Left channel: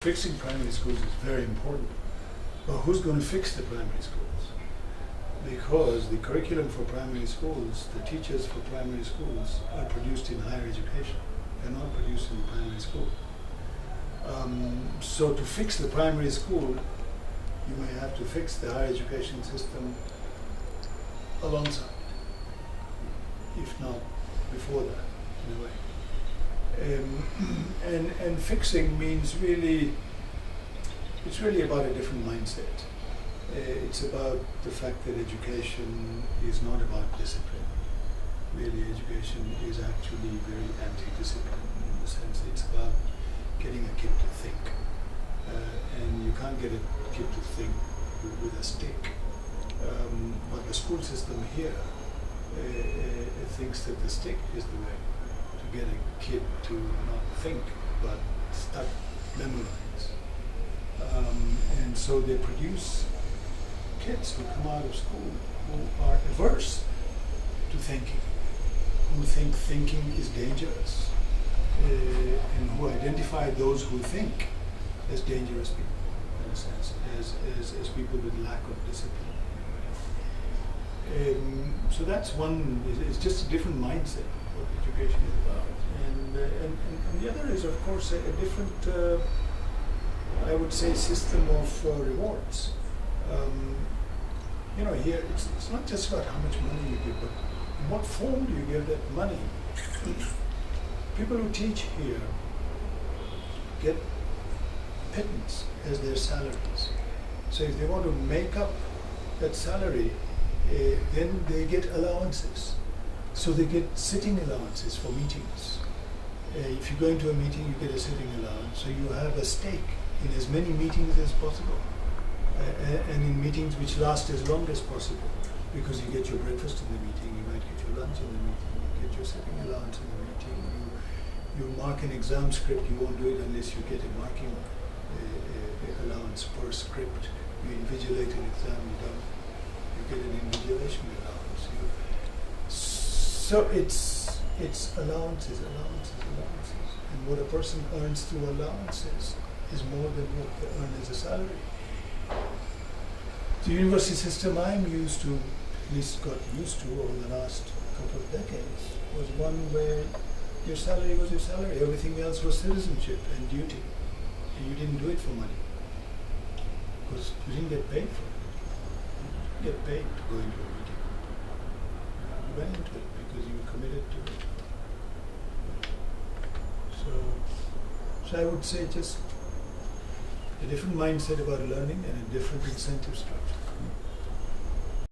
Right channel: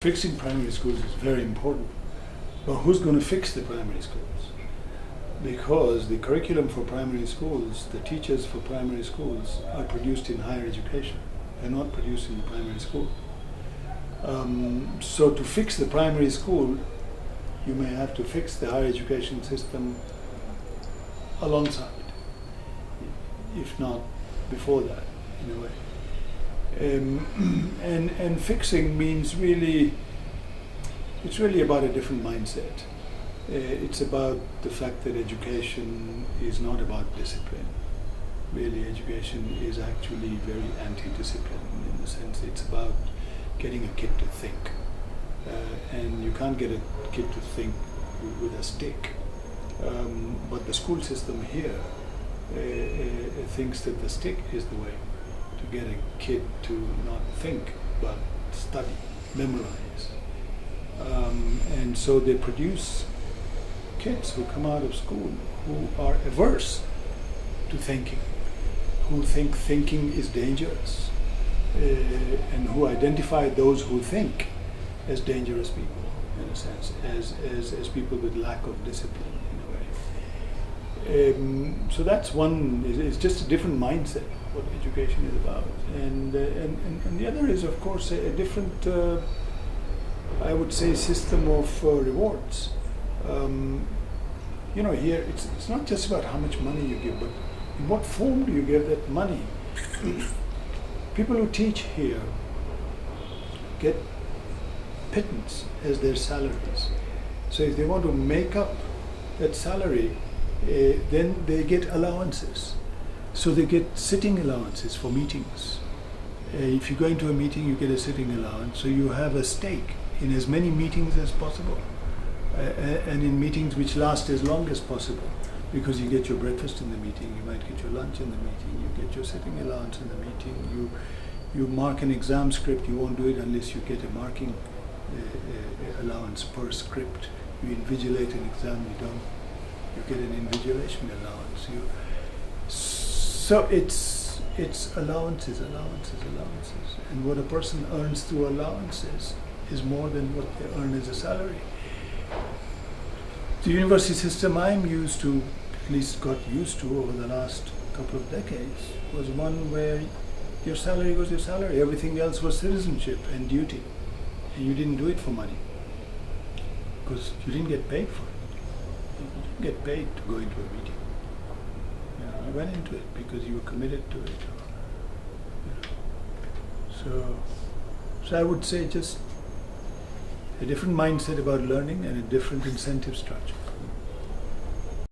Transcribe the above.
Fixing primary schools is very important, but who's going to fix the primary schools? Because the curriculum for primary schools, the teachers for primary schools are produced in higher education. They're not produced in the primary school. So to fix the primary school, you may have to fix the higher education system alongside, if not before that, in a way. And fixing means really, it's really about a different mindset. It's about the fact that education is not about discipline. Really, education is actually very anti-discipline in the sense it's about getting a kid to think. And you can't get a kid to think with a stick. But the school system here thinks that the stick is the way to get a kid to not think but study, memorize. And so they produce kids who come out of school who are averse to thinking, who think thinking is dangerous, and who identify those who think as dangerous people, in a sense, as people with lack of discipline, in a way. So that's one, it's just a different mindset, what education is about. And the other is, of course, a different, I would say, system of rewards. You know, here it's not just about how much money you give, but in what form do you give that money? People who teach here get pittance as their salaries. So if they want to make up that salary, then they get allowances. So they get sitting allowances for meetings. If you go into a meeting, you get a sitting allowance. So you have a stake in as many meetings as possible. And in meetings which last as long as possible, because you get your breakfast in the meeting, you might get your lunch in the meeting, you get your sitting allowance in the meeting, you mark an exam script, you won't do it unless you get a marking allowance per script. You invigilate an exam, you get an invigilation allowance. So it's allowances. And what a person earns through allowances is more than what they earn as a salary. The university system I'm used to, at least got used to over the last couple of decades, was one where your salary was your salary, everything else was citizenship and duty. And you didn't do it for money, because you didn't get paid for it. You didn't get paid to go into a meeting. You went into it because you were committed to it. So I would say just a different mindset about learning and a different incentive structure.